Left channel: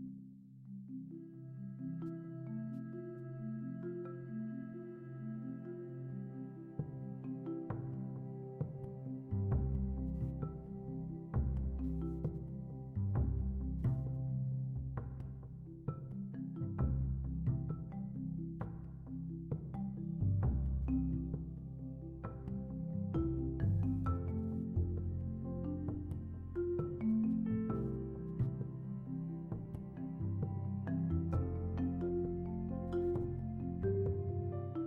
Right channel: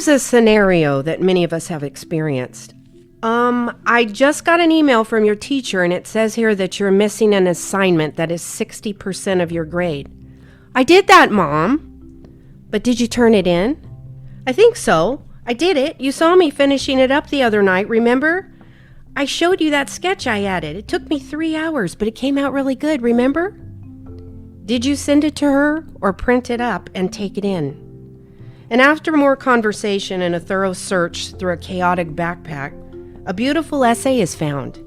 Here's a scenario that many of us have experienced. I just got an email from your teacher and it says here that you're missing an assignment that is 60% of your grade. I did that, Mom. But did you turn it in? I think so. I did it. You saw me finishing it up the other night, remember? I showed you that sketch I added. It took me 3 hours, but it came out really good, remember? Did you send it to her or print it up and take it in? And after more conversation and a thorough search through a chaotic backpack, a beautiful essay is found.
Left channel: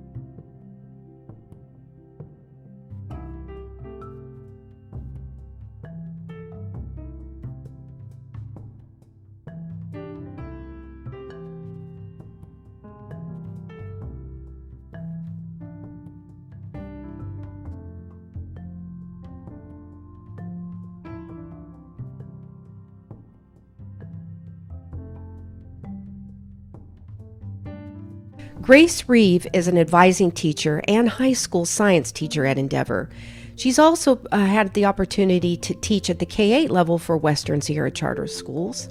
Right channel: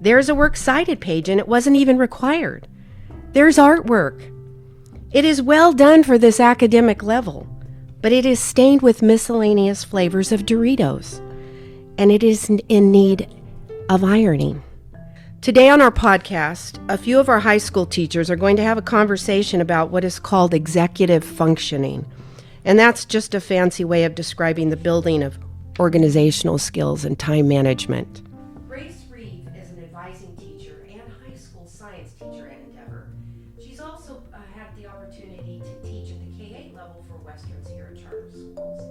There's a works cited page and it wasn't even required. There's artwork. It is well done for this academic level, but it is stained with miscellaneous flavors of Doritos, and it is in need of ironing. Today on our podcast, a few of our high school teachers are going to have a conversation about what is called executive functioning, and that's just a fancy way of describing the building of organizational skills and time management. Grace Reeve is an advising teacher and high school science teacher at Endeavor. She's also had the opportunity to teach at the K-8 level for Western Sierra Charter Schools,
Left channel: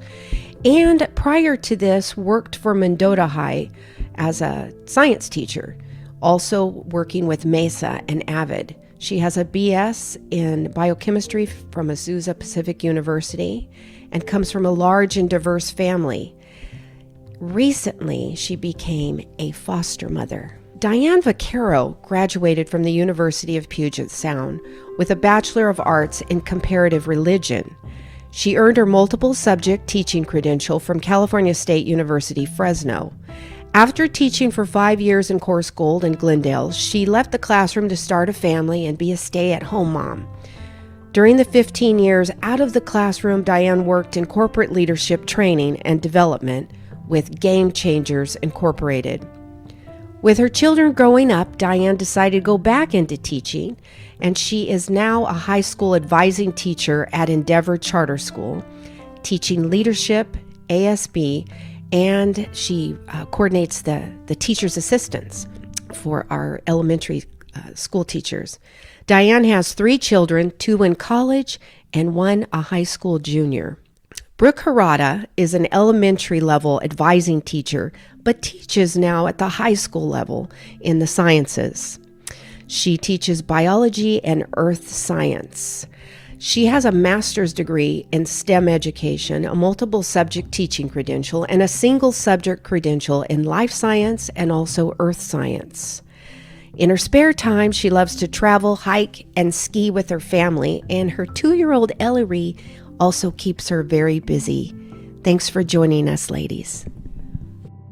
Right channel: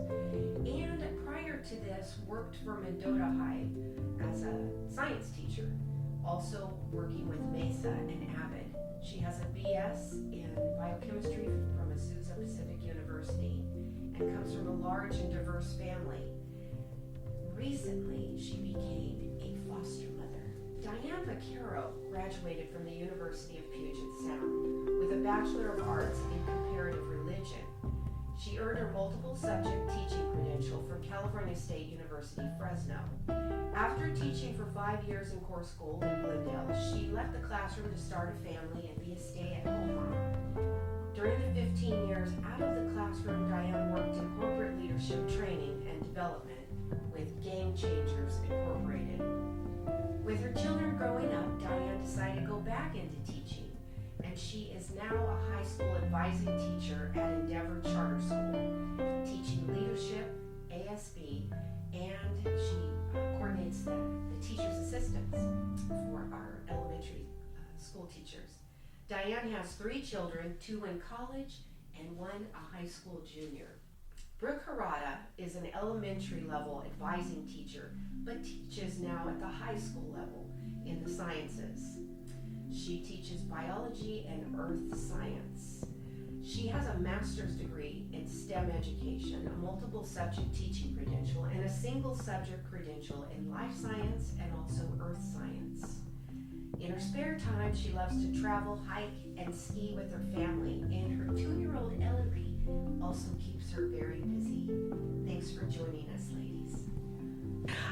and prior to this worked for Mendota High as a science teacher, also working with Mesa and Avid. She has a BS in biochemistry from Azusa Pacific University and comes from a large and diverse family. Recently, she became a foster mother. Diane Vaccaro graduated from the University of Puget Sound with a Bachelor of Arts in Comparative Religion. She earned her multiple subject teaching credential from California State University, Fresno. After teaching for 5 years in Course Gold in Glendale, she left the classroom to start a family and be a stay-at-home mom. During the 15 years out of the classroom, Diane worked in corporate leadership training and development with Game Changers Incorporated. With her children growing up, Diane decided to go back into teaching, and she is now a high school advising teacher at Endeavor Charter School, teaching leadership, ASB, and she coordinates the teacher's assistants for our elementary school teachers. Diane has 3 children, 2 in college and 1 a high school junior. Brooke Hirata is an elementary level advising teacher, but teaches now at the high school level in the sciences. She teaches biology and earth science. She has a master's degree in STEM education, a multiple subject teaching credential, and a single subject credential in life science and also earth science. In her spare time, she loves to travel, hike, and ski with her family, and her 2-year-old Ellery also keeps her very busy. Thanks for joining us, ladies.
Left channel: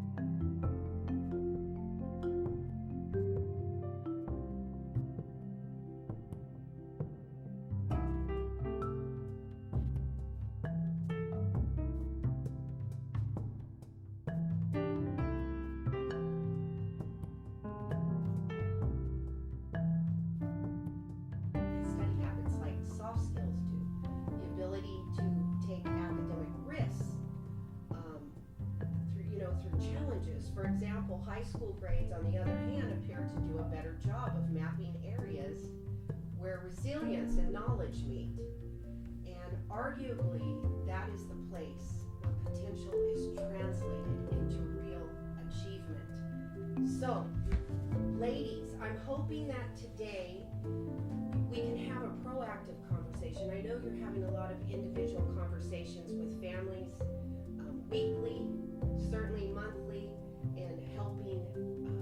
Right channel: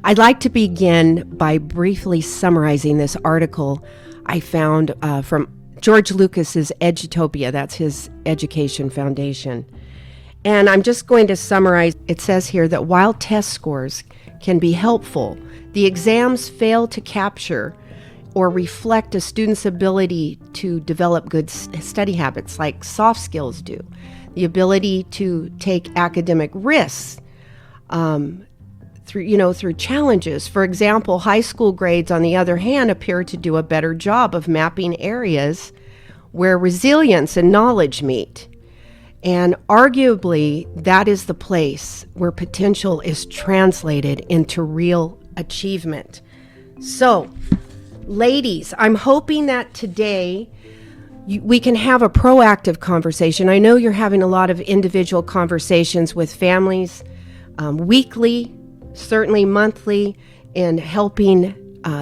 I'd like to begin by briefly summarizing this article I found from George Lucas's Edutopia. That's his education foundation. And I'm just going to summarize. It says here that while test scores can be helpful, the exams fail to capture or reflect a student's ability to develop good study habits like soft skills do, the ability to take academic risks, through challenges. For example, high school grades, on the other hand, appear to do a better job of mapping areas where resilience and knowledge meet. And arguably, that is the place where potential is translated into real achievement. So, ladies, I'm hoping that today we can have a proactive conversation. I know you're having a lot of individual conversations with families weekly, certainly monthly, in helping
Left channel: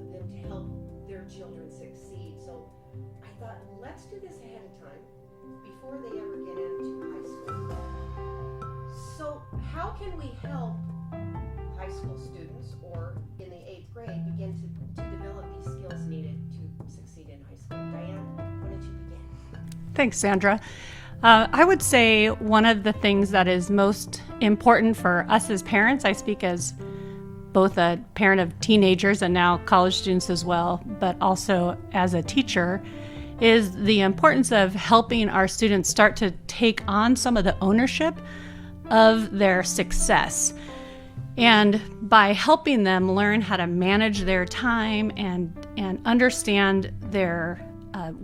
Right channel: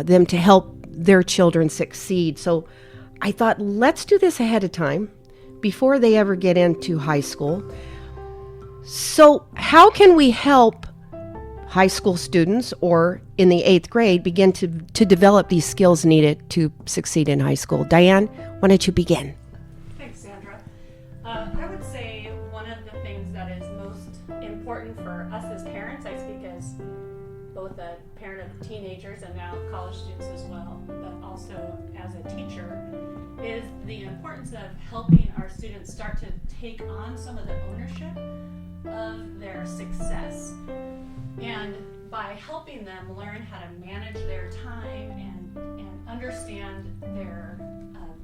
them to help their children succeed. So I thought, let's do this ahead of time before they ever get into high school. So how can we help high school students, or in the 8th grade, begin to develop these skills needed to succeed in high school? Diane, why don't you begin? Thanks, Sandra. I would say one of the things that is most important for us as parents, I speak as both a parent of teenagers and now college students as well, but also as a teacher, is the importance of helping our students start to take on some of the ownership of their success. And by helping them learn how to manage their time and understand their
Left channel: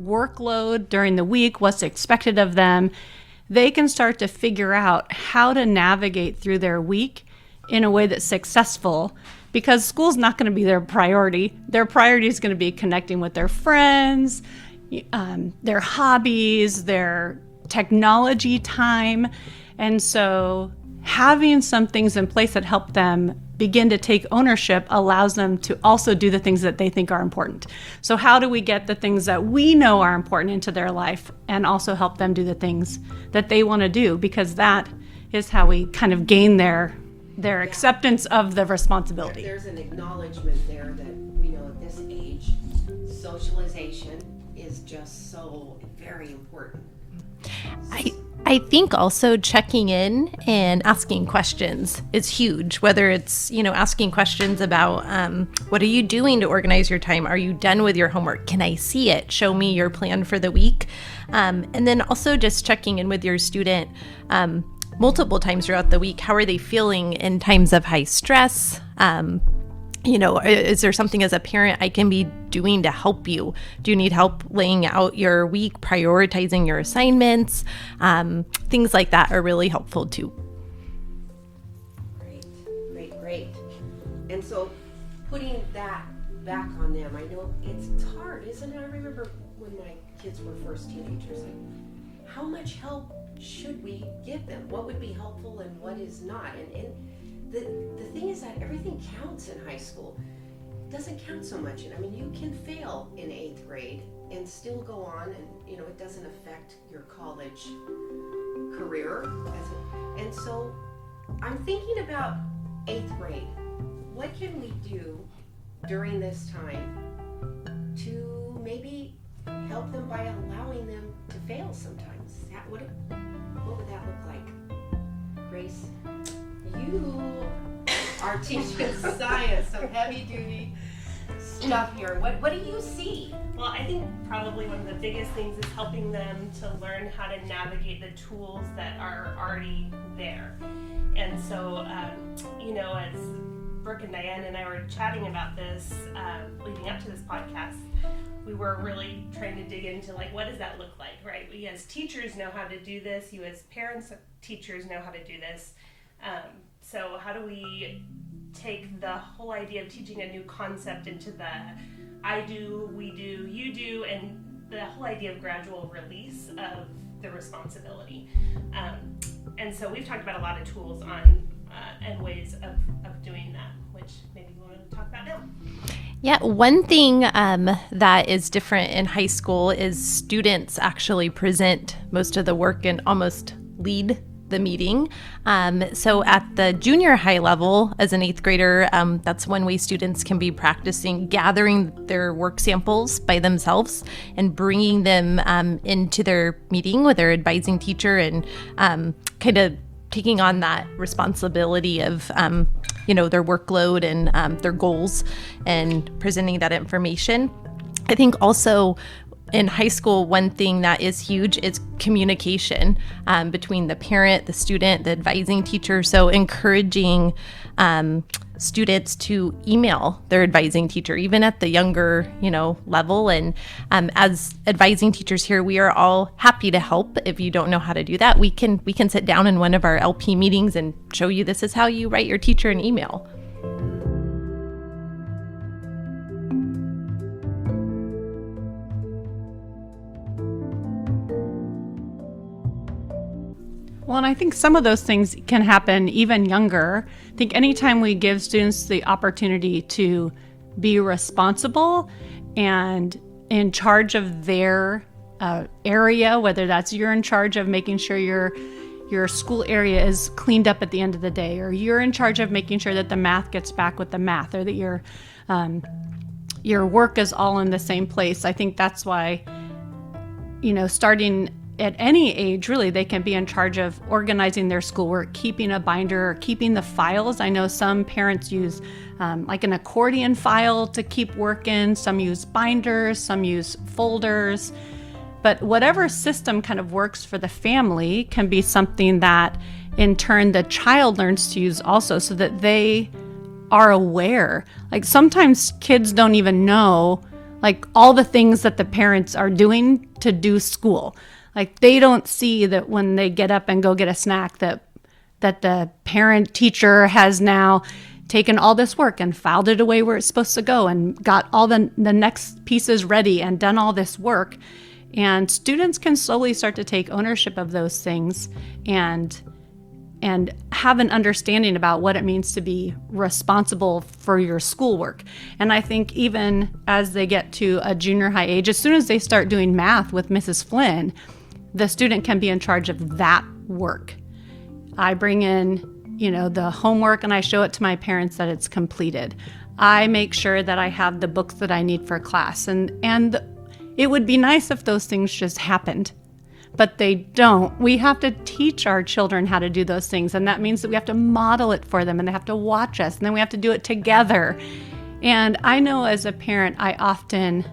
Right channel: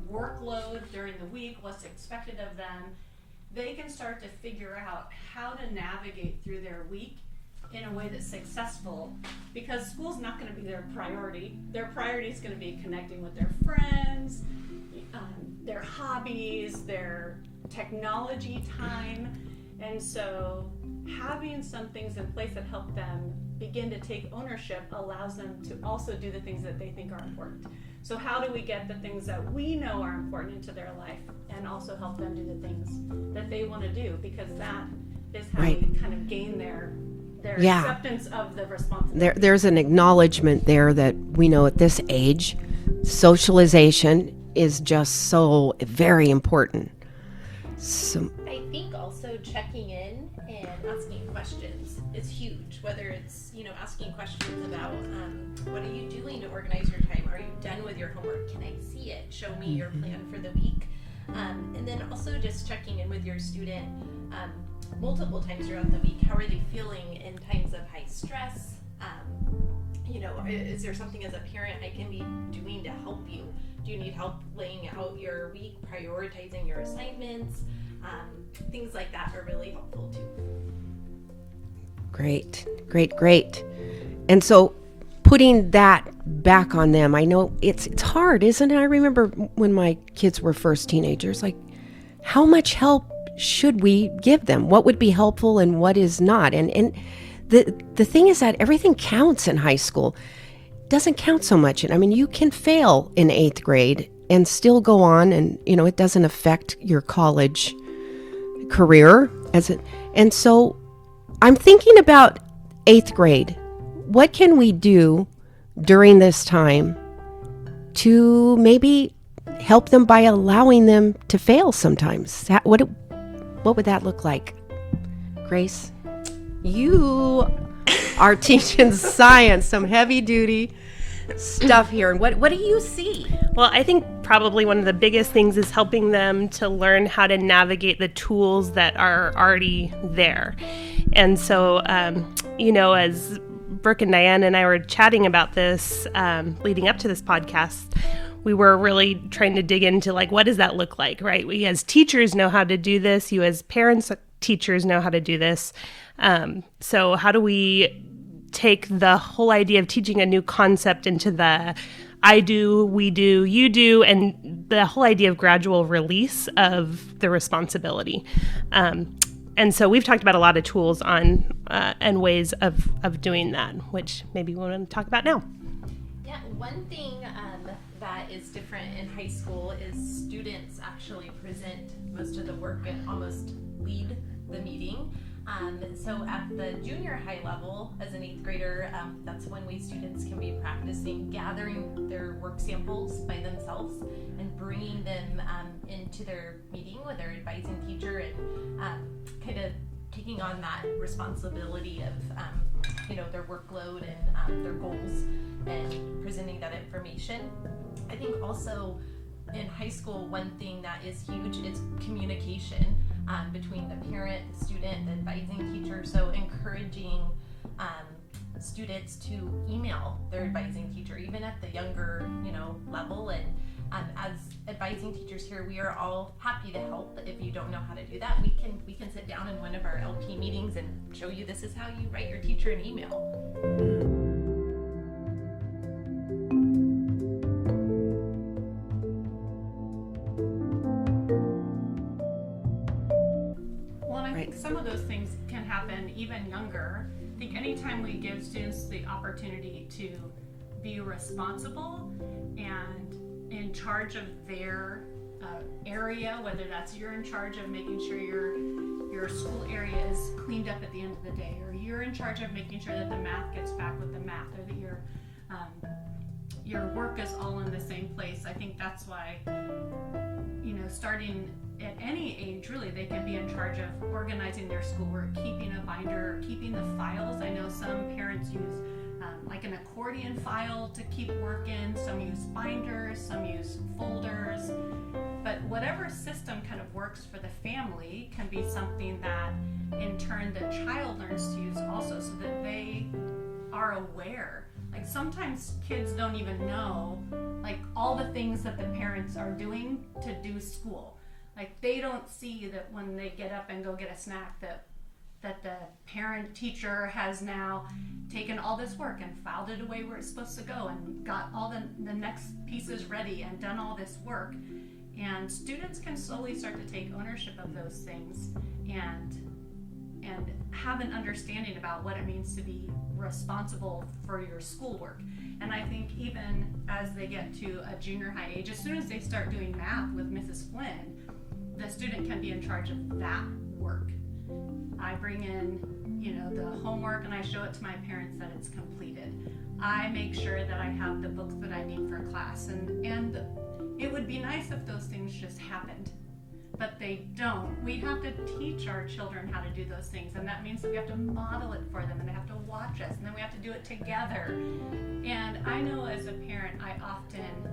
workload during the week, what's expected of them, they can start to figure out how to navigate through their week in a way that's successful, because school's not going to be their priority. Their priority is going to be connecting with their friends, their hobbies, their technology time. And so having some things in place that help them begin to take ownership allows them to also do the things that they think are important. So how do we get the things that we know are important into their life and also help them do the things that they want to do? Because that is how we kind of gain their acceptance of the responsibility. There's an acknowledgement there that we know at this age, socialization is just so very important. I think also checking in and asking questions is huge, whether it's, asking questions about what are you doing to organize your time? Are you done with your homework? Can I see it? Show me your plan for the week. And then also just checking in with your student multiple times throughout the week. How are they feeling in times of high stress? Is there something as a parent I can be doing to help you? Do you need help laying out your week, prioritizing your assignments? Things like that are really helpful too. Great. And so putting that back on them, I know it's hard, isn't it? I remember when my kids were first teenagers, like how much help should we give them? What would be helpful and what is not? And the thing is that everything counts in high school. It doesn't count so much. I mean, you can fail in 8th grade and still go on, and it doesn't affect your college career and so I'm thinking about 8th grade. What can we do during this time to maybe help them by allowing them to fail sometimes? What would that look like? Grace? You are teaching science, some heavy duty stuff here. What do you see? Well, I think probably one of the biggest things is helping them to learn how to navigate the tools that are already there. And so, as Brooke and Diane and I were chatting about this leading up to this podcast, we were really trying to dig into what does that look like, right? We as teachers know how to do this. You as parents, teachers know how to do this. So how do we take the whole idea of teaching a new concept into the I do, we do, you do, and the whole idea of gradual release of the responsibility. And so we've talked about a lot of tools on and ways of doing that, which maybe we want to talk about now. Yeah, one thing that is different in high school is students actually present most of the work and almost lead the meeting. So at the junior high level, as an 8th grader, that's one way students can be practicing gathering their work samples by themselves and bringing them into their meeting with their advising teacher and kind of taking on that responsibility of their workload and their goals and presenting that information. I think also in high school, one thing that is huge is communication between the parent, the student, the advising teacher. So encouraging students to email their advising teacher, even at the younger, level. And as advising teachers here, we are all happy to help. If you don't know how to do that, we can sit down in one of our LP meetings and show you this is how you write your teacher an email. Well, and I think some of those things can happen even younger. I think anytime we give students the opportunity to be responsible and in charge of their area, whether that's you're in charge of making sure your school area is cleaned up at the end of the day, or you're in charge of making sure that the math gets back with the math, or that your work is all in the same place. I think that's why, starting at any age, really, they can be in charge of organizing their schoolwork, keeping a binder, or keeping the files. I know some parents use like an accordion file to keep work in. Some use binders, some use folders. But whatever system kind of works for the family can be something that, in turn, the child learns to use also, so that they are aware. Like sometimes kids don't even know all the things that the parents are doing to do school. Like they don't see that when they get up and go get a snack that that the parent teacher has now taken all this work and filed it away where it's supposed to go and got all the next pieces ready and done all this work. And students can slowly start to take ownership of those things and have an understanding about what it means to be responsible for your schoolwork. And I think even as they get to a junior high age, as soon as they start doing math with Mrs. Flynn, the student can be in charge of that work. I bring in, the homework and I show it to my parents that it's completed. I make sure that I have the books that I need for class. And it would be nice if those things just happened, but they don't. We have to teach our children how to do those things, and that means that we have to model it for them, and they have to watch us, and then we have to do it together. And I know as a parent, I often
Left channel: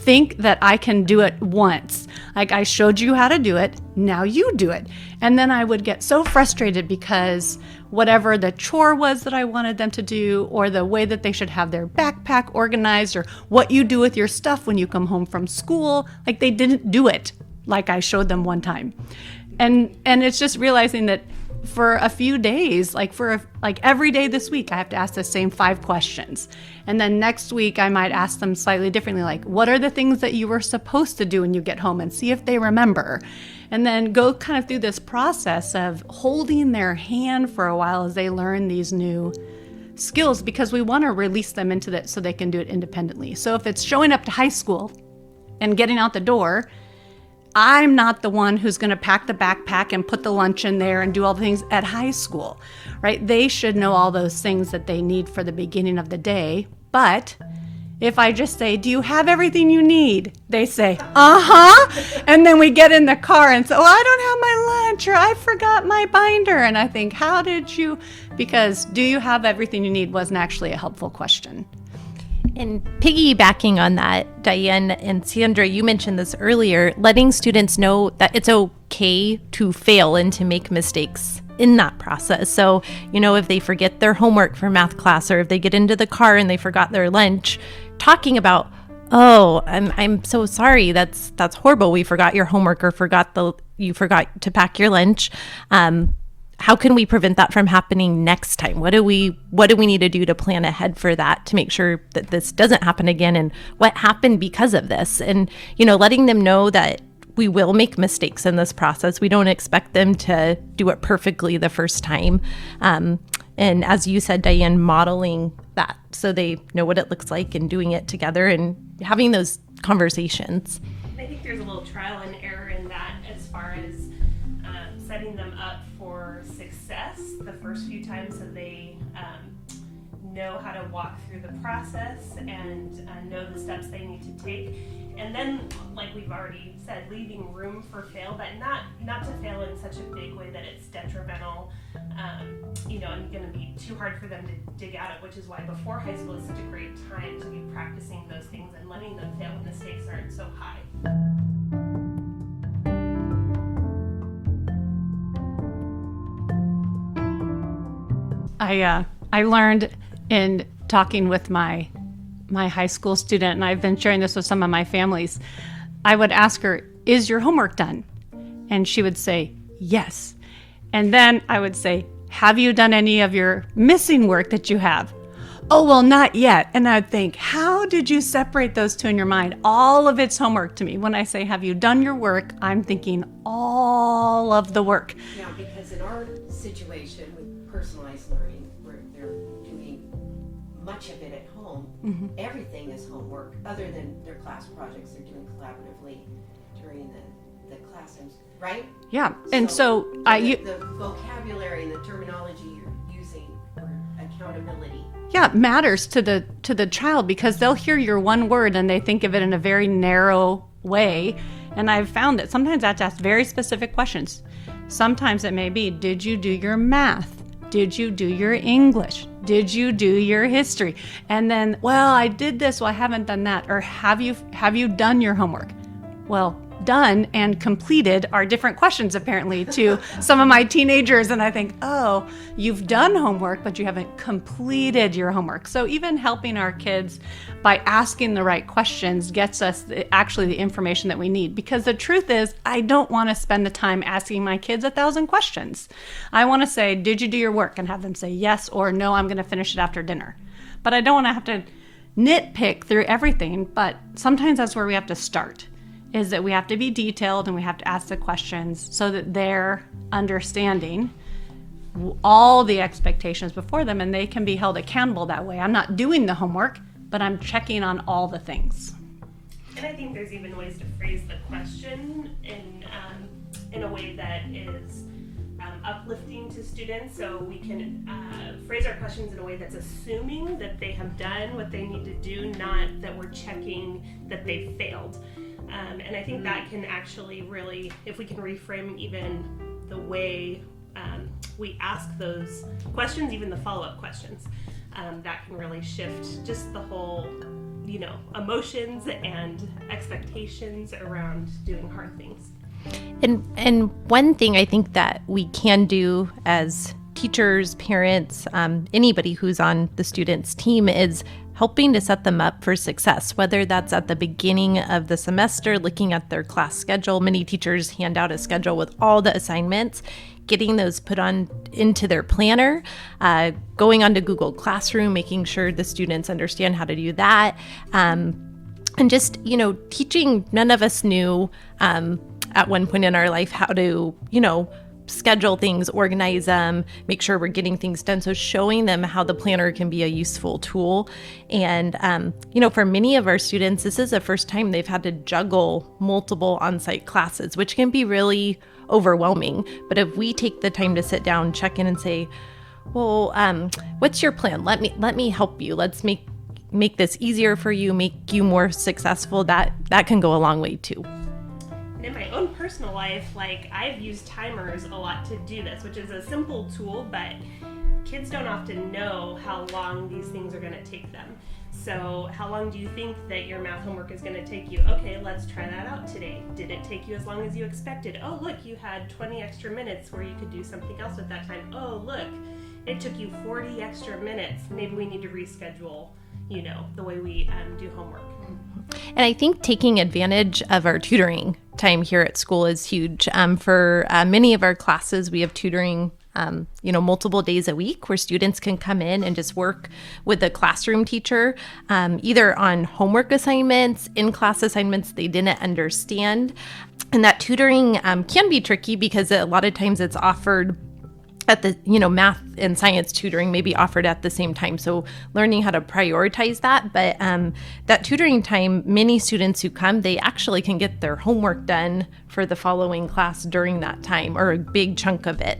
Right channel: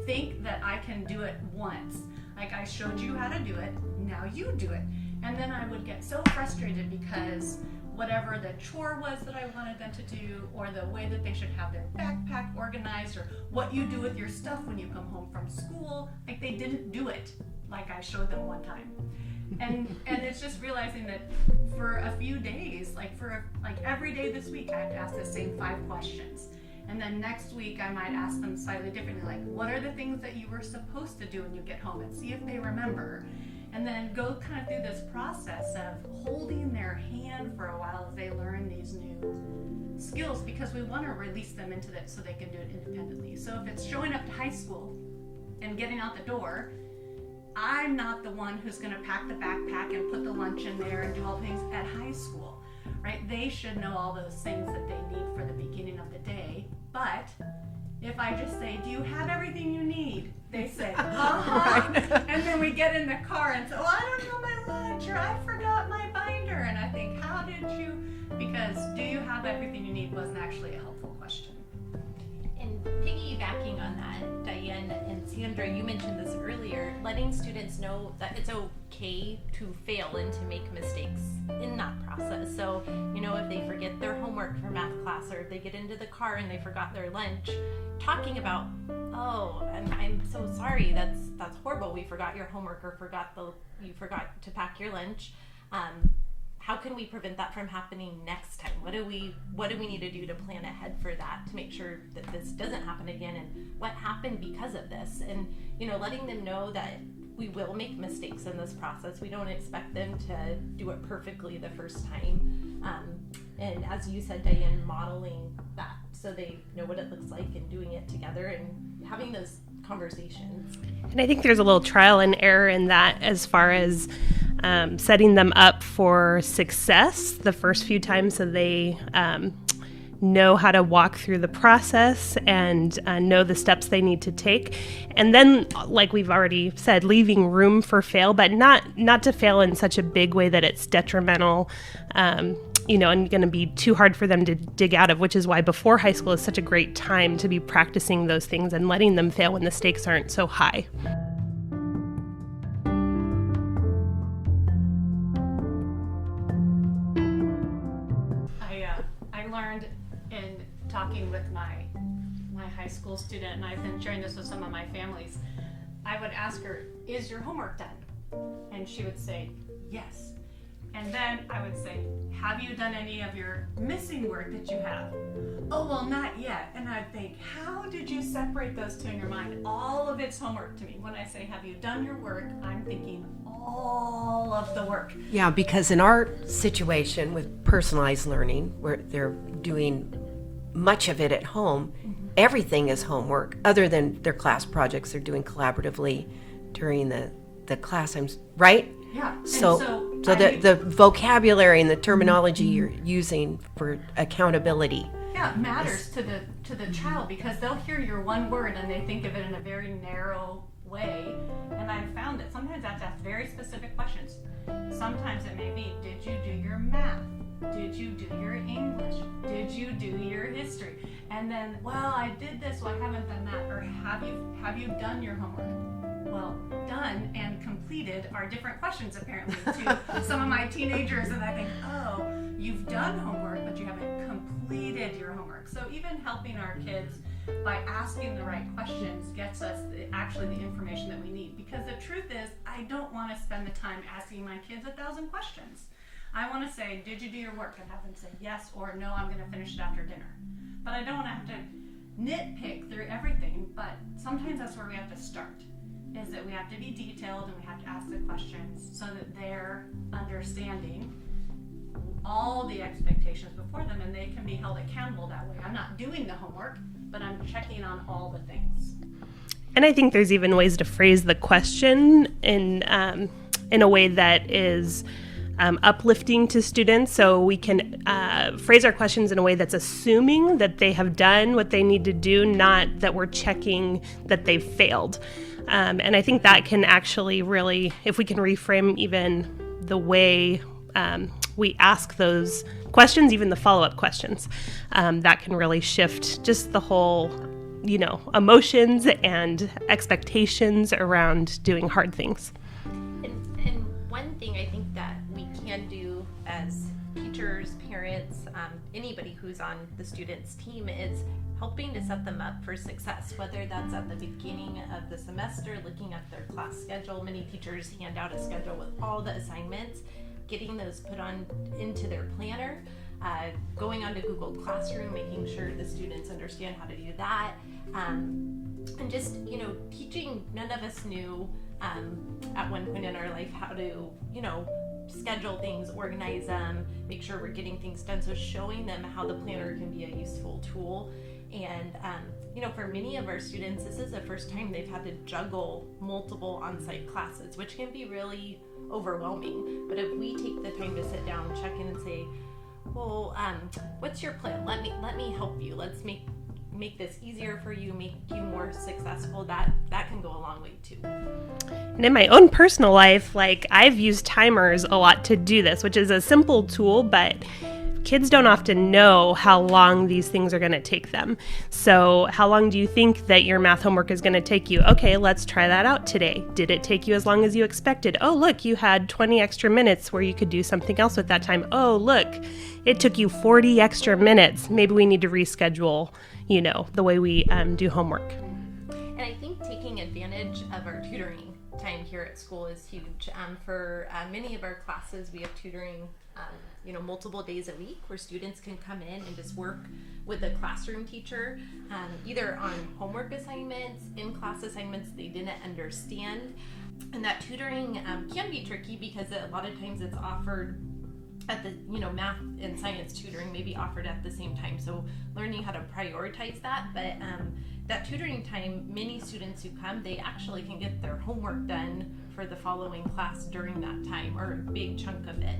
think that I can do it once. Like, I showed you how to do it, now you do it. And then I would get so frustrated because whatever the chore was that I wanted them to do, or the way that they should have their backpack organized, or what you do with your stuff when you come home from school, like they didn't do it like I showed them one time. And it's just realizing that for a few days, like every day this week, I have to ask the same 5 questions. And then next week, I might ask them slightly differently, like, what are the things that you were supposed to do when you get home, and see if they remember. And then go kind of through this process of holding their hand for a while as they learn these new skills, because we want to release them into that so they can do it independently. So if it's showing up to high school and getting out the door, I'm not the one who's going to pack the backpack and put the lunch in there and do all the things at high school, right? They should know all those things that they need for the beginning of the day. But if I just say, do you have everything you need? They say, uh-huh. And then we get in the car and say, oh, I don't have my lunch, or I forgot my binder. And I think, how did you? Because do you have everything you need wasn't actually a helpful question. And piggybacking on that, Diane and Sandra, you mentioned this earlier, letting students know that it's okay to fail and to make mistakes in that process. So, if they forget their homework for math class, or if they get into the car and they forgot their lunch, talking about, oh, I'm so sorry, that's horrible, we forgot your homework, or you forgot to pack your lunch. How can we prevent that from happening next time? What do we need to do to plan ahead for that, to make sure that this doesn't happen again, and what happened because of this? And, letting them know that we will make mistakes in this process. We don't expect them to do it perfectly the first time. And as you said, Diane, modeling that so they know what it looks like, and doing it together and having those conversations. And I think there's a little trial and error in that, as far as setting them up for success the first few times, so they know how to walk through the process and know the steps they need to take. And then, like we've already said, leaving room for fail, but not to fail in such a big way that it's detrimental, and going to be too hard for them to dig out of, which is why before high school is such a great time to be practicing those things and letting them fail when the stakes aren't so high. I learned in talking with my high school student, and I've been sharing this with some of my families, I would ask her, is your homework done? And she would say, yes. And then I would say, have you done any of your missing work that you have? Oh, well, not yet. And I'd think, how did you separate those two in your mind? All of it's homework to me. When I say, have you done your work, I'm thinking all of the work. Yeah, because in our situation with personalized learning, where they're doing much of it at home, everything is homework other than their class projects they're doing collaboratively during the class times, right? Yeah. And so the vocabulary and the terminology you're using for accountability. Yeah, it matters to the child, because they'll hear your one word and they think of it in a very narrow way. And I've found that sometimes I have to ask very specific questions. Sometimes it may be, did you do your math? Did you do your English? Did you do your history? And then, well, I did this, well, I haven't done that. Or have you done your homework? Well, done and completed are different questions apparently to some of my teenagers. And I think, oh, you've done homework, but you haven't completed your homework. So even helping our kids by asking the right questions gets us actually the information that we need. Because the truth is, I don't want to spend the time asking my kids 1,000 questions. I want to say, did you do your work? And have them say yes or no, I'm going to finish it after dinner. But I don't want to have to nitpick through everything. But sometimes that's where we have to start, is that we have to be detailed and we have to ask the questions so that they're understanding all the expectations before them and they can be held accountable that way. I'm not doing the homework, but I'm checking on all the things. And I think there's even ways to phrase the question in a way that is uplifting to students. So we can phrase our questions in a way that's assuming that they have done what they need to do, not that we're checking that they've failed. And I think that can actually really, if we can reframe even the way we ask those questions, even the follow-up questions, that can really shift just the whole, emotions and expectations around doing hard things. And one thing I think that we can do as teachers, parents, anybody who's on the student's team is helping to set them up for success, whether that's at the beginning of the semester, looking at their class schedule. Many teachers hand out a schedule with all the assignments, getting those put on into their planner, going onto Google Classroom, making sure the students understand how to do that. And just, teaching, none of us knew at one point in our life how to, schedule things, organize them, make sure we're getting things done. So showing them how the planner can be a useful tool. And, for many of our students, this is the first time they've had to juggle multiple on-site classes, which can be really overwhelming. But if we take the time to sit down, check in and say, well, what's your plan? Let me help you. Let's make this easier for you, make you more successful. That can go a long way too. And in my own personal life, I've used timers a lot to do this, which is a simple tool, but kids don't often know how long these things are going to take them. So how long do you think that your math homework is going to take you? Okay, let's try that out today. Did it take you as long as you expected? Oh, look, you had 20 extra minutes where you could do something else with that time. Oh, look, it took you 40 extra minutes. Maybe we need to reschedule, the way we do homework. And I think taking advantage of our tutoring time here at school is huge. For many of our classes, we have tutoring, multiple days a week where students can come in and just work with the classroom teacher, either on homework assignments, in-class assignments they didn't understand. And that tutoring can be tricky because a lot of times it's offered at the, math and science tutoring may be offered at the same time. So learning how to prioritize that. But that tutoring time, many students who come, they actually can get their homework done for the following class during that time, or a big chunk of it.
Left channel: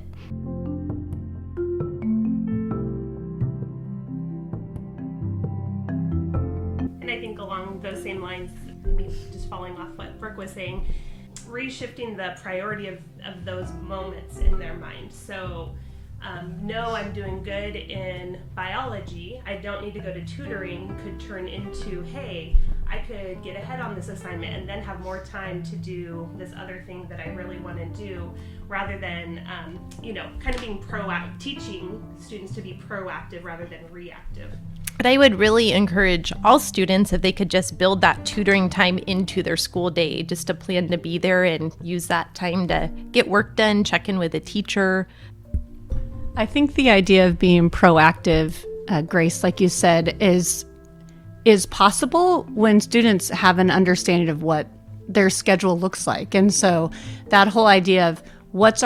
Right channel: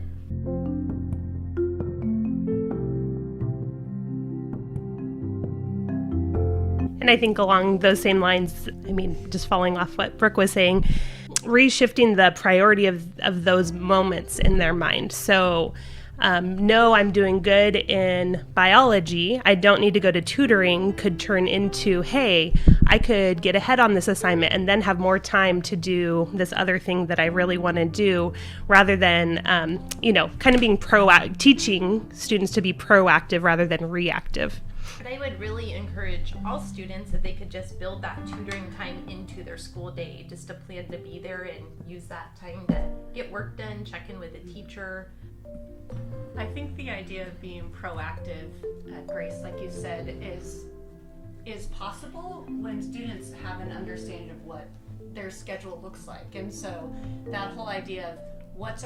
And I think along those same lines, just following off what Brooke was saying, reshifting the priority of those moments in their mind. So, no, I'm doing good in biology. I don't need to go to tutoring could turn into, hey, I could get ahead on this assignment and then have more time to do this other thing that I really want to do, rather than, kind of being proactive, teaching students to be proactive rather than reactive. But I would really encourage all students, if they could just build that tutoring time into their school day, just to plan to be there and use that time to get work done, check in with a teacher. I think the idea of being proactive, Grace, like you said, is possible when students have an understanding of what their schedule looks like. And so that whole idea of what's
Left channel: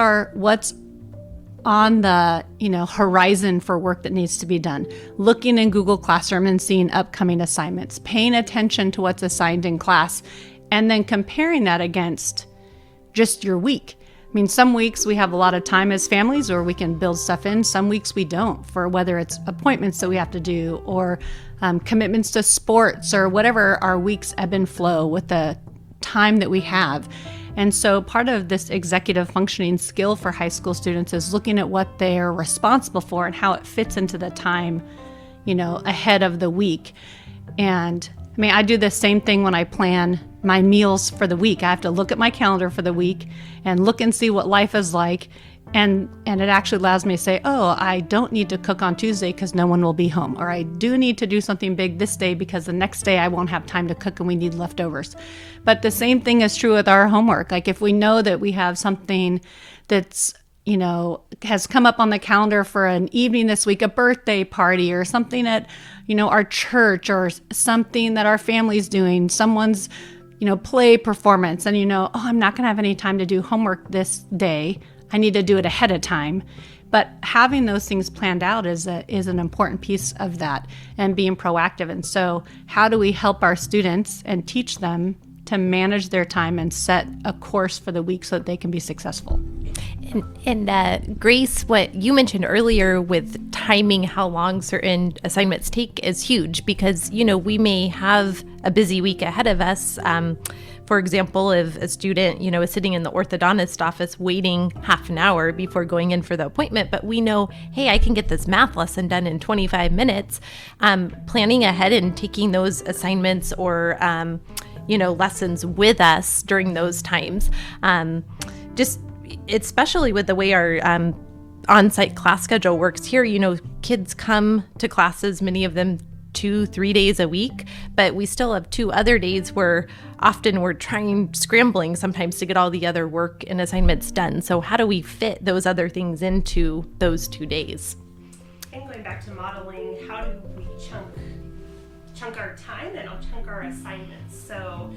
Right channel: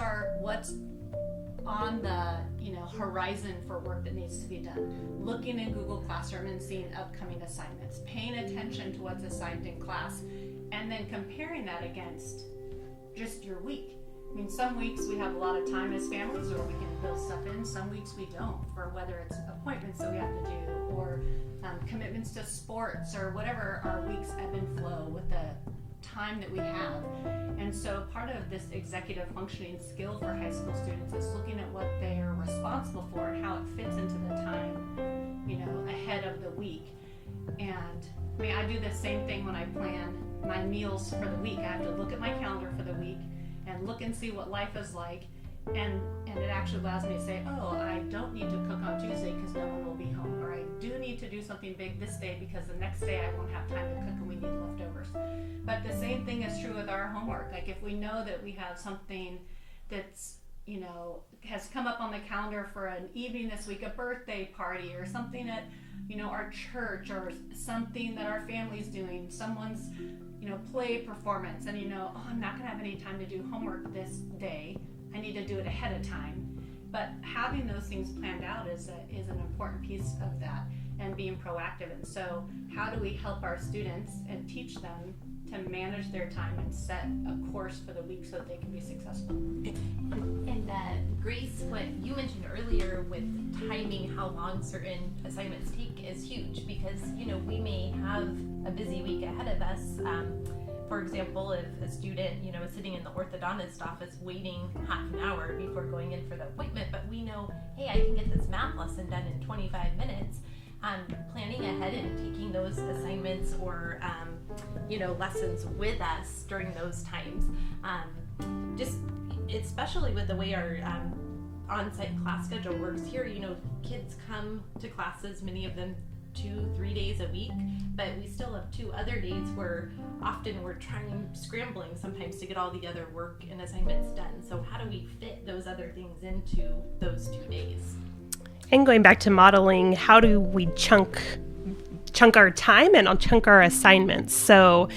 on the horizon for work that needs to be done, looking in Google Classroom and seeing upcoming assignments, paying attention to what's assigned in class, and then comparing that against just your week. Some weeks we have a lot of time as families, or we can build stuff in. Some weeks we don't, for whether it's appointments that we have to do, or commitments to sports, or whatever our weeks ebb and flow with the time that we have. And so part of this executive functioning skill for high school students is looking at what they're responsible for and how it fits into the time, ahead of the week. And I do the same thing when I plan my meals for the week. I have to look at my calendar for the week and look and see what life is like. And it actually allows me to say, oh, I don't need to cook on Tuesday because no one will be home. Or I do need to do something big this day because the next day I won't have time to cook and we need leftovers. But the same thing is true with our homework. Like if we know that we have something that's, has come up on the calendar for an evening this week, a birthday party or something at, our church or something that our family's doing, someone's, play performance, and oh, I'm not going to have any time to do homework this day. I need to do it ahead of time. But having those things planned out is an important piece of that, and being proactive. And so how do we help our students and teach them to manage their time and set a course for the week so that they can be successful? And Grace, what you mentioned earlier with timing how long certain assignments take is huge because, we may have a busy week ahead of us. For example, if a student, is sitting in the orthodontist office waiting half an hour before going in for the appointment, but we know, hey, I can get this math lesson done in 25 minutes, planning ahead and taking those assignments or, lessons with us during those times. Especially with the way our on-site class schedule works here, kids come to classes, many of them 2-3 days a week, but we still have 2 other days where often we're scrambling sometimes to get all the other work and assignments done. So how do we fit those other things into those 2 days? And going back to modeling, how do we chunk our time and chunk our assignments? So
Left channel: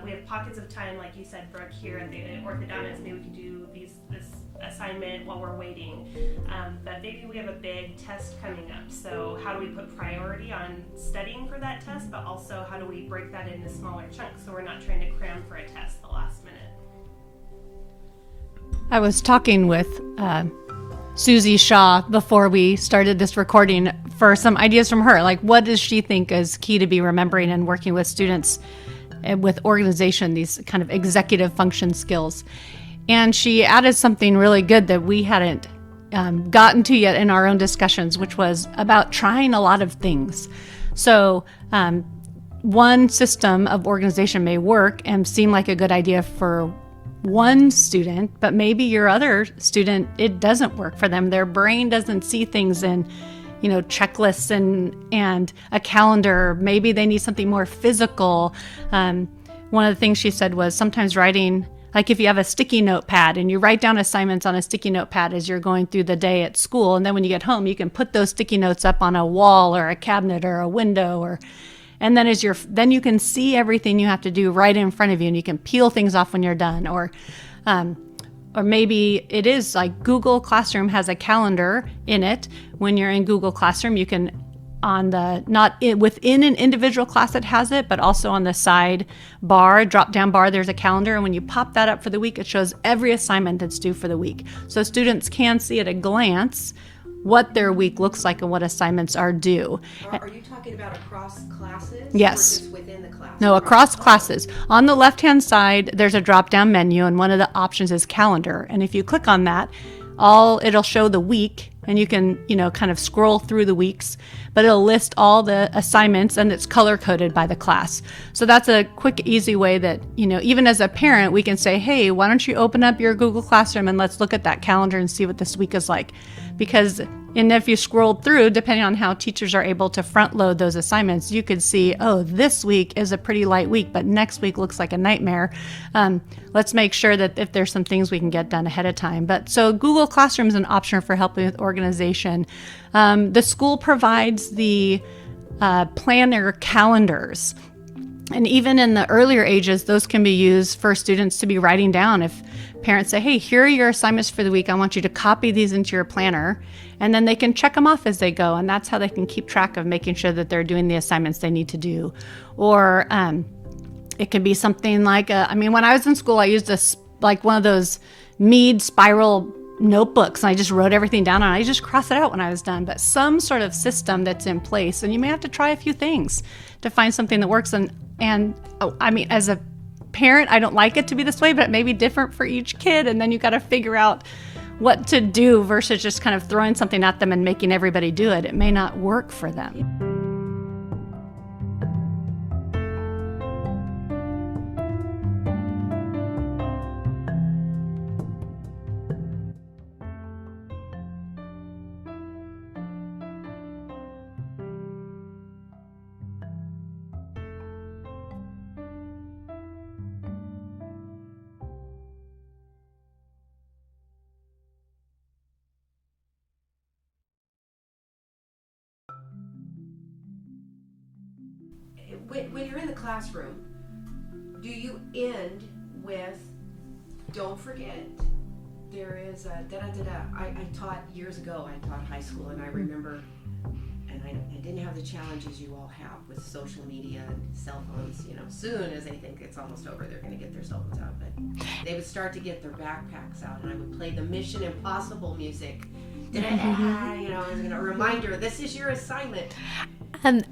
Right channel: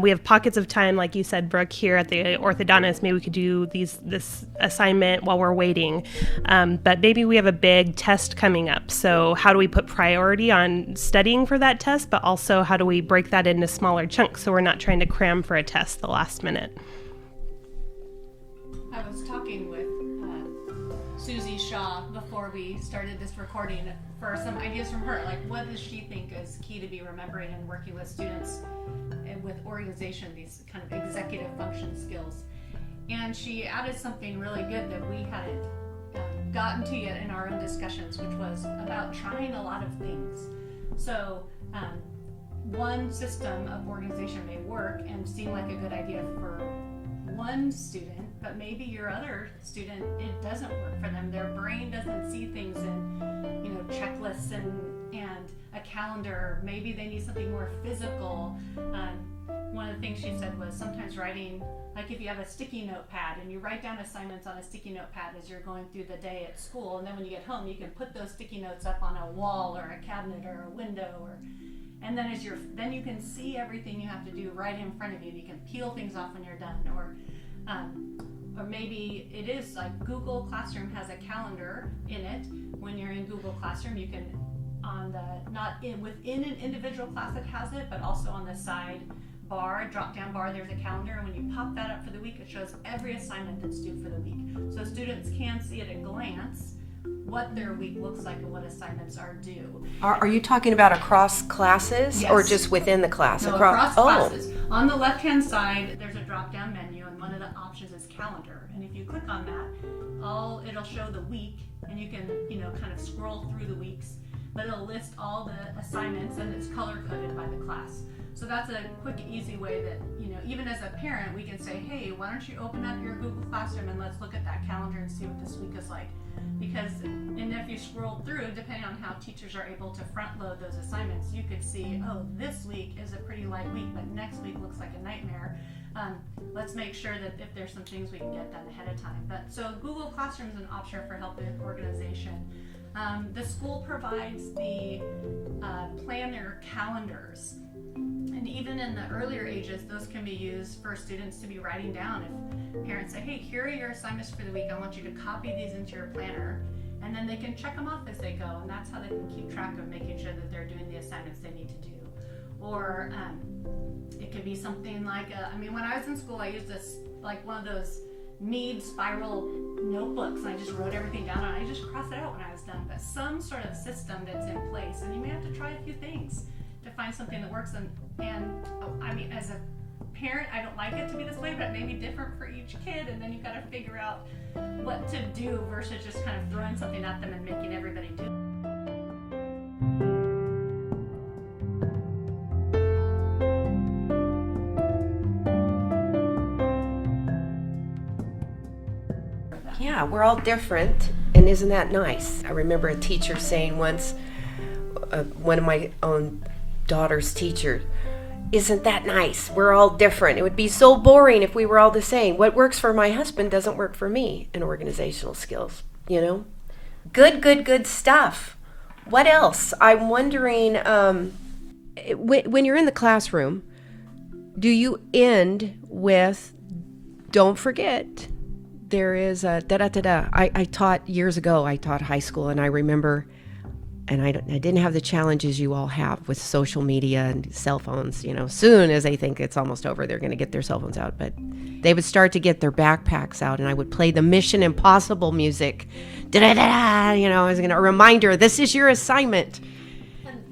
we have pockets of time, like you said, Brooke, here at the orthodontist. Maybe we could do this assignment while we're waiting. But maybe we have a big test coming up. So how do we put priority on studying for that test, but also how do we break that into smaller chunks so we're not trying to cram for a test the last minute? I was talking with Susie Shaw before we started this recording for some ideas from her. Like, what does she think is key to be remembering and working with students with organization, these kind of executive function skills? And she added something really good that we hadn't gotten to yet in our own discussions, which was about trying a lot of things. So one system of organization may work and seem like a good idea for one student, but maybe your other student, it doesn't work for them. Their brain doesn't see things in checklists and a calendar. Maybe they need something more physical. One of the things she said was sometimes writing, like if you have a sticky notepad and you write down assignments on a sticky notepad as you're going through the day at school, and then when you get home, you can put those sticky notes up on a wall or a cabinet or a window, and then then you can see everything you have to do right in front of you, and you can peel things off when you're done. Or maybe it is like Google Classroom has a calendar in it. When you're in Google Classroom, you can, within an individual class that has it, but also on the side bar, drop down bar, there's a calendar. And when you pop that up for the week, it shows every assignment that's due for the week. So students can see at a glance what their week looks like and what assignments are due. Are you talking about across classes? Yes. Or just within the class? No, across classes. On the left-hand side, there's a drop-down menu, and one of the options is calendar. And if you click on that, it'll show the week, and you can, kind of scroll through the weeks, but it'll list all the assignments, and it's color-coded by the class. So that's a quick, easy way that, even as a parent, we can say, hey, why don't you open up your Google Classroom and let's look at that calendar and see what this week is like. Because if you scrolled through, depending on how teachers are able to front load those assignments, you could see, oh, this week is a pretty light week, but next week looks like a nightmare. Let's make sure that if there's some things we can get done ahead of time. But so Google Classroom is an option for helping with organization. The school provides the planner calendars. And even in the earlier ages, those can be used for students to be writing down. If parents say, hey, here are your assignments for the week, I want you to copy these into your planner, and then they can check them off as they go. And that's how they can keep track of making sure that they're doing the assignments they need to do. Or it can be something like, when I was in school, I used one of those Mead spiral notebooks, and I just wrote everything down, and I just cross it out when I was done. But some sort of system that's in place, and you may have to try a few things to find something that works. As a parent, I don't like it to be this way, but it may be different for each kid, and then you got to figure out what to do versus just kind of throwing something at them and making everybody do it. It may not work for them. yeah, we're all different, and isn't that nice? I remember a teacher saying once, one of my own daughter's teachers, isn't that nice? We're all different. It would be so boring if we were all the same. What works for my husband doesn't work for me in organizational skills, you know? Good stuff. What else? I'm wondering, when you're in the classroom, do you end with, don't forget, there is a da-da-da-da. I taught years ago, I taught high school, and I remember, and I didn't have the challenges you all have with social media and cell phones. You know, soon as they think it's almost over, they're going to get their cell phones out. But they would start to get their backpacks out, and I would play the Mission Impossible music. Da-da-da-da, you know, as a reminder, this is your assignment.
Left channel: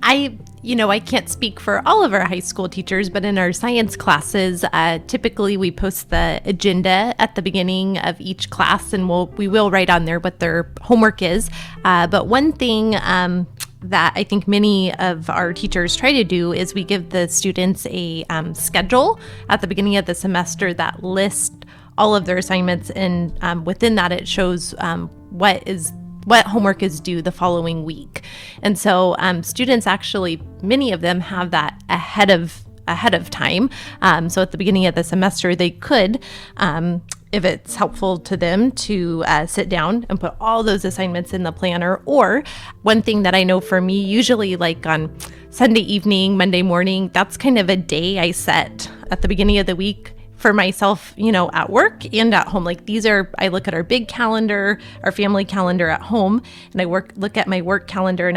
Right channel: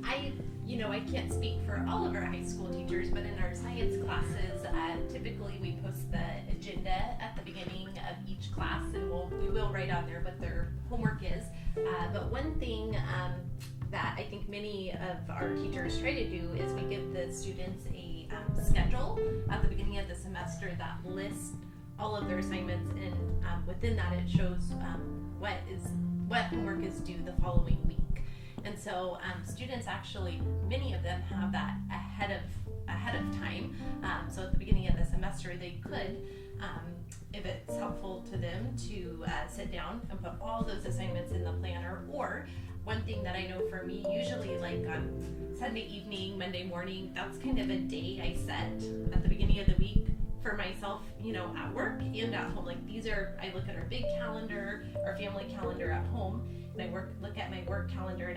I can't speak for all of our high school teachers, but in our science classes, typically we post the agenda at the beginning of each class, and we will write on there what their homework is. But one thing that I think many of our teachers try to do is we give the students a schedule at the beginning of the semester that lists all of their assignments, and within that it shows what homework is due the following week. And so students actually, many of them have that ahead of time. So at the beginning of the semester, they could, if it's helpful to them, to sit down and put all those assignments in the planner. Or one thing that I know for me, usually like on Sunday evening, Monday morning, that's kind of a day I set at the beginning of the week for myself, at work and at home. Like I look at our big calendar, our family calendar at home, and I look at my work calendar, and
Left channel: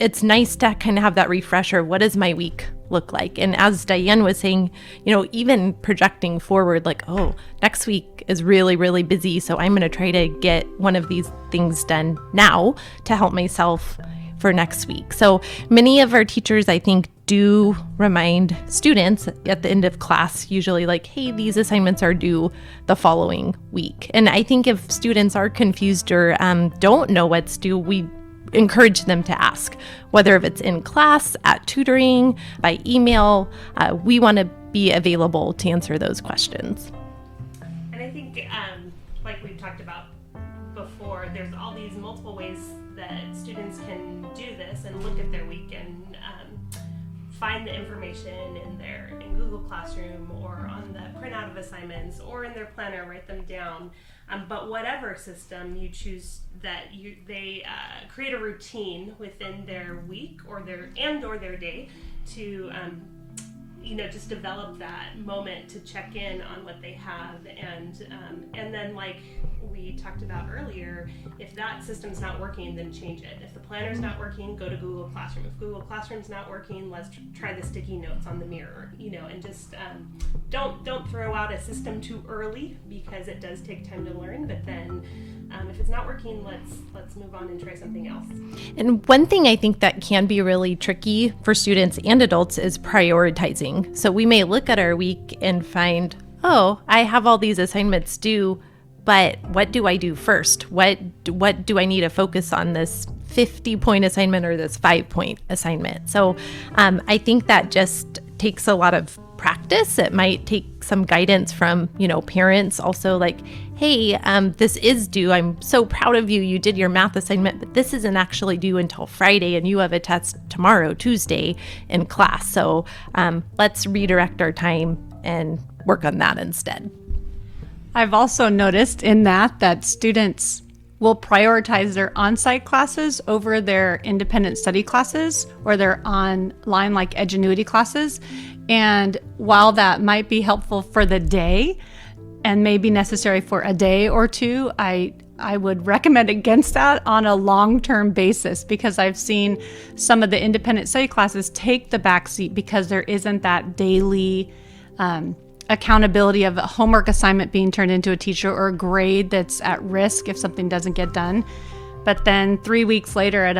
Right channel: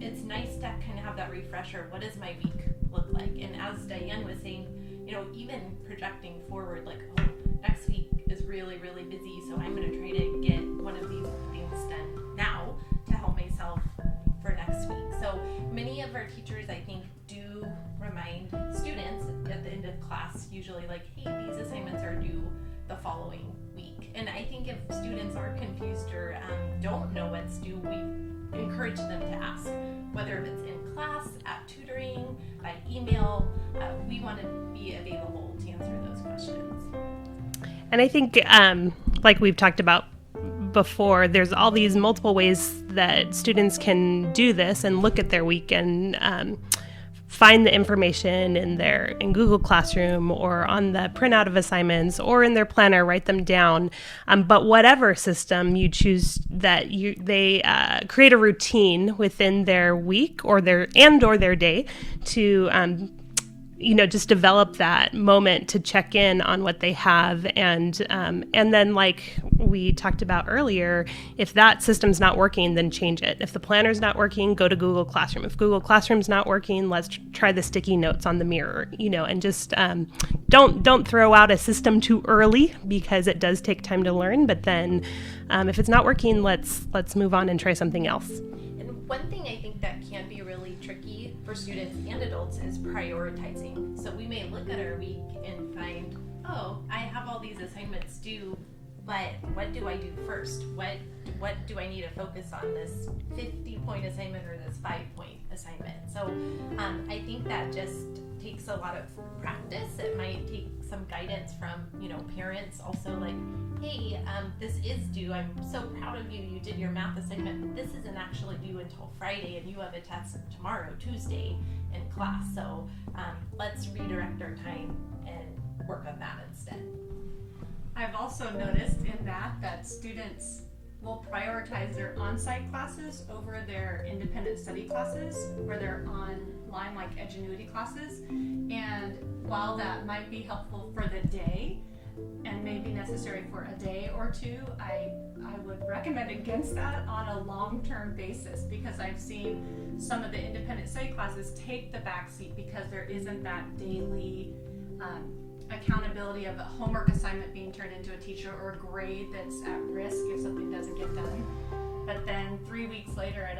it's nice to kind of have that refresher. What does my week look like? And as Diane was saying, even projecting forward, like, oh, next week is really, really busy. So I'm going to try to get one of these things done now to help myself for next week. So many of our teachers, I think, do remind students at the end of class, usually like, hey, these assignments are due the following week. And I think if students are confused or don't know what's due, we encourage them to ask, whether if it's in class, at tutoring, by email. We want to be available to answer those questions. And I think, like we've talked about before, there's all these multiple ways that students can do this and look at their week and find the information in Google Classroom or on the printout of assignments or in their planner, write them down. But whatever system you choose, they create a routine within their week or their day to just develop that moment to check in on what they have, and then, like we talked about earlier, if that system's not working, then change it. If the planner's not working, go to Google Classroom. If Google Classroom's not working, let's try the sticky notes on the mirror, and just don't throw out a system too early, because it does take time to learn. But then if it's not working, let's move on and try something else. And one thing I think that can be really tricky for students and adults is prioritizing. So we may look at our week and find, oh, I have all these assignments due, but what do I do first? What do I need to focus on, this 50-point assignment or this 5-point assignment? So I think that just takes a lot of practice. It might take some guidance from, parents also, like, hey, this is due. I'm so proud of you. You did your math assignment, but this isn't actually due until Friday, and you have a test tomorrow, Tuesday, in class. So let's redirect our time and work on that instead. I've also noticed in that students will prioritize their on-site classes over their independent study classes or their online like Edgenuity classes. And while that might be helpful for the day and may be necessary for a day or two, I would recommend against that on a long-term basis, because I've seen some of the independent study classes take the backseat because there isn't that daily accountability of a homework assignment being turned into a teacher or a grade that's at risk if something doesn't get done. But then 3 weeks later at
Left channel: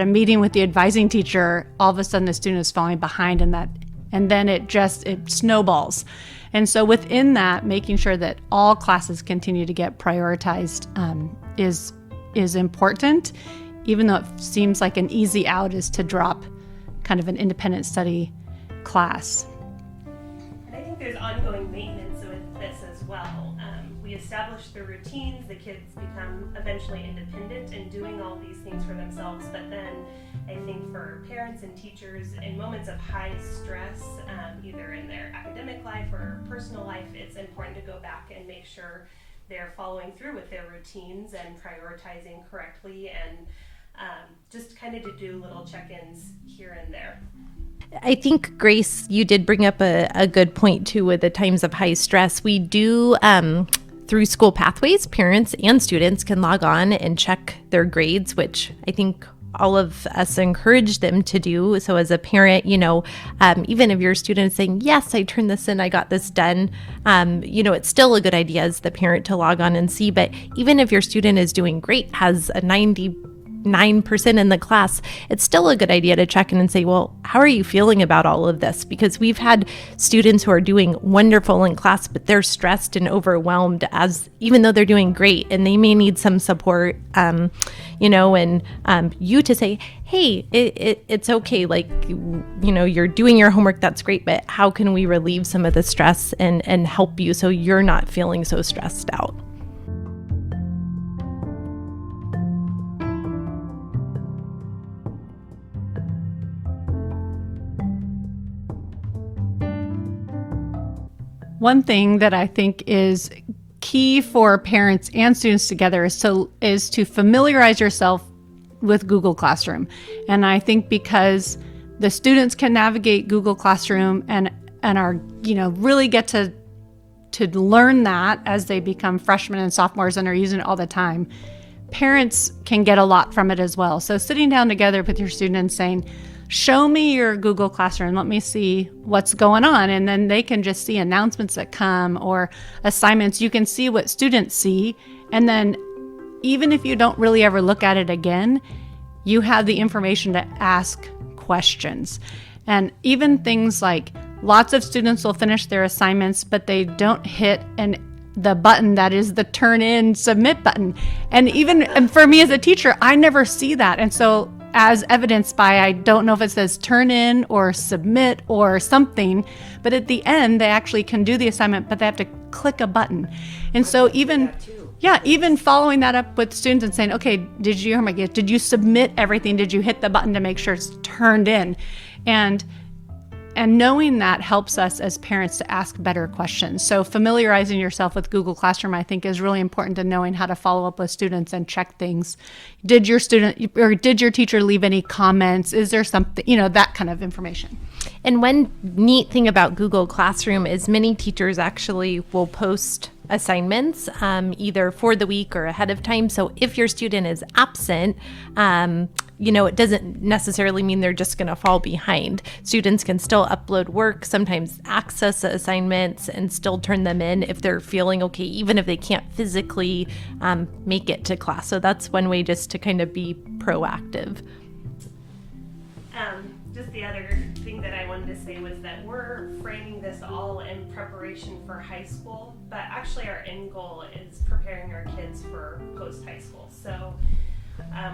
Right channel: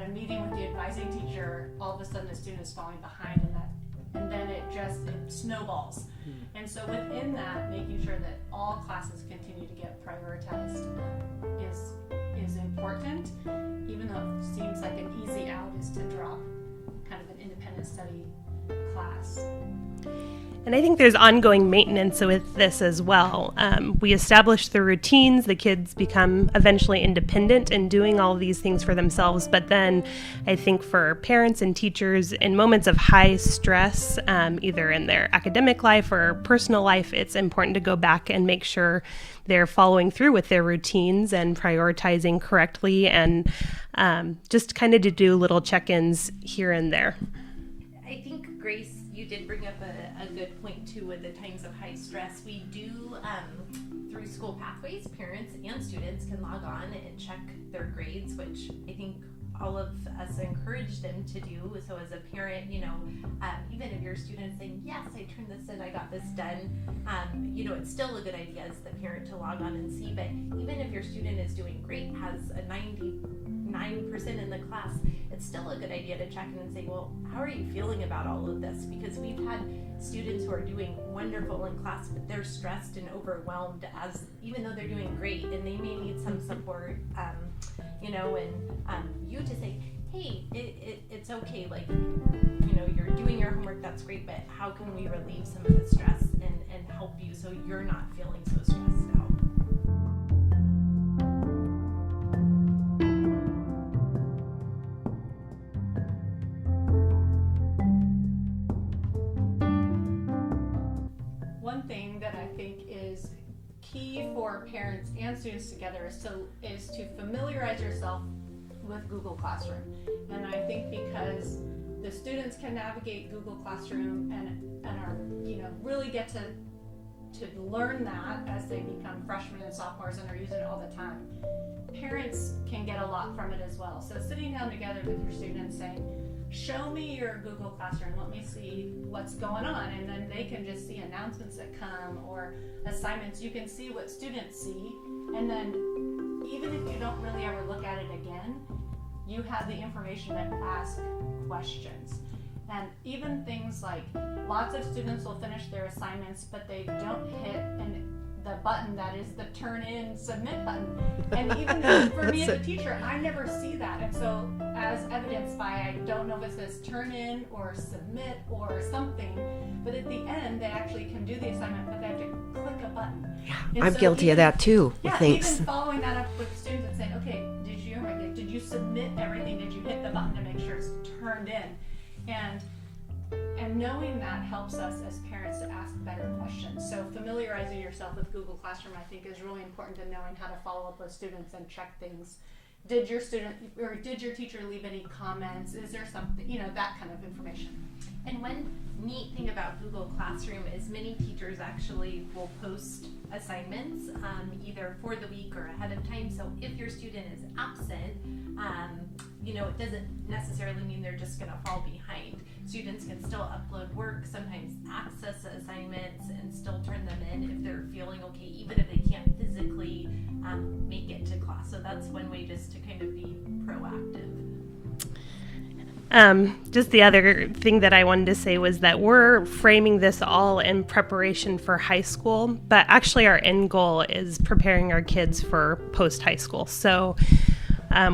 a meeting with the advising teacher, all of a sudden the student is falling behind in that, and then it snowballs. And so within that, making sure that all classes continue to get prioritized is important, even though it seems like an easy out is to drop kind of an independent study class. And I think there's ongoing maintenance with this as well. We establish the routines, the kids become eventually independent in doing all of these things for themselves. But then I think for parents and teachers in moments of high stress, either in their academic life or personal life, it's important to go back and make sure they're following through with their routines and prioritizing correctly, and just kind of to do little check-ins here and there. I think, Grace, you did bring up a good point too with the times of high stress. We do, through school pathways, parents and students can log on and check their grades, which I think all of us encourage them to do. So as a parent, even if your student is saying, yes, I turned this in, I got this done, it's still a good idea as the parent to log on and see. But even if your student is doing great, has a 99% in the class, it's still a good idea to check in and say, well, how are you feeling about all of this? Because we've had students who are doing wonderful in class, but they're stressed and overwhelmed even though they're doing great, and they may need some support, and you to say, hey, it's okay. Like, you're doing your homework. That's great. But how can we relieve some of the stress and help you so you're not feeling so stressed out? One thing that I think is key for parents and students together is to familiarize yourself with Google Classroom. And I think because the students can navigate Google Classroom and are, really get to learn that as they become freshmen and sophomores and are using it all the time, parents can get a lot from it as well. So sitting down together with your student and saying, show me your Google Classroom, let me see what's going on. And then they can just see announcements that come or assignments. You can see what students see. And then even if you don't really ever look at it again, you have the information to ask questions. And even things like lots of students will finish their assignments, but they don't hit the button that is the turn in submit button. And for me as a teacher, I never see that. And so as evidenced by, I don't know if it says turn in or submit or something, but at the end they actually can do the assignment, but they have to click a button. And I'm so guilty of that too. Yeah, Thanks. even following that up with students and saying, okay, did you submit everything? Did you hit the button to make sure it's turned in? And knowing that helps us as parents to ask better questions. So familiarizing yourself with Google Classroom, I think, is really important to knowing how to follow up with students and check things. Did your teacher leave any comments? Is there something, that kind of information. And one neat thing about Google Classroom is many teachers actually will post assignments either for the week or ahead of time. So if your student is absent, it doesn't necessarily mean they're just going to fall behind. Students can still upload work, sometimes access the assignments, and still turn them in if they're feeling okay, even if they can't physically make it to class. So that's one way just to kind of be proactive. Just the other thing that I wanted to say was that we're framing this all in preparation for high school, but actually our end goal is preparing our kids for post-high school. So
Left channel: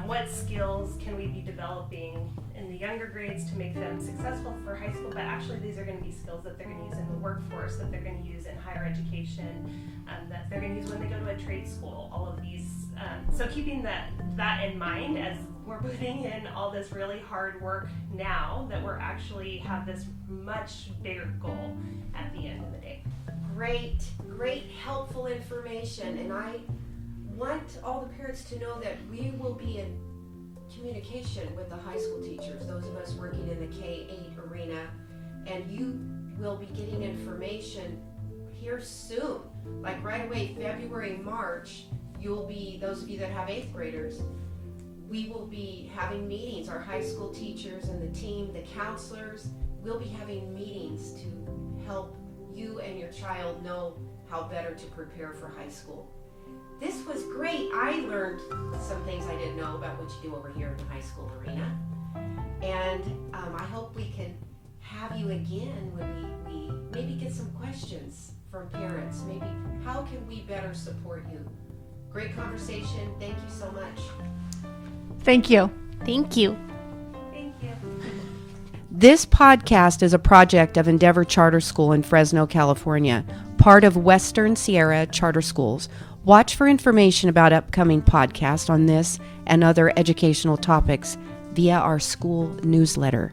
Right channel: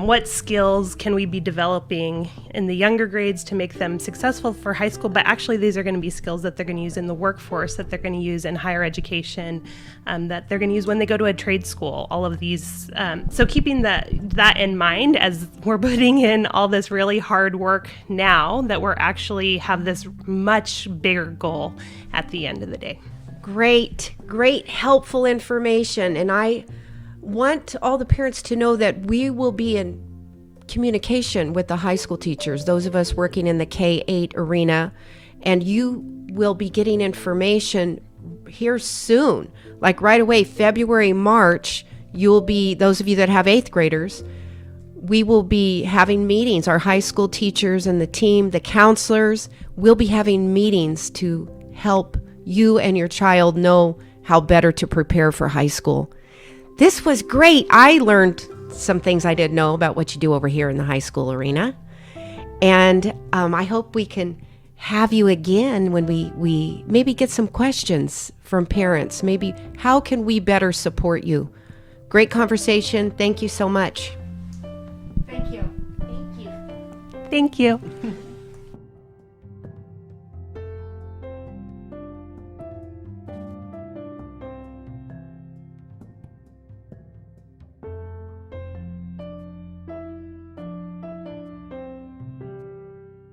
what skills can we be developing in the younger grades to make them successful for high school? But actually these are going to be skills that they're going to use in the workforce, that they're going to use in higher education, that they're going to use when they go to a trade school, all of these. So keeping that in mind as we're putting in all this really hard work now, that we're actually have this much bigger goal at the end of the day. Great, helpful information. And I want all the parents to know that we will be in communication with the high school teachers, those of us working in the K-8 arena, and you will be getting information here soon, like right away, February, March. You'll be, those of you that have 8th graders, we will be having meetings. Our high school teachers and the team, the counselors, will be having meetings to help you and your child know how better to prepare for high school. This was great. I learned some things I didn't know about what you do over here in the high school arena. And I hope we can have you again when we maybe get some questions from parents. Maybe how can we better support you? Great conversation. Thank you so much. Thank you. Thank you. Thank you. This podcast is a project of Endeavor Charter School in Fresno, California, part of Western Sierra Charter Schools. Watch for information about upcoming podcasts on this and other educational topics via our school newsletter.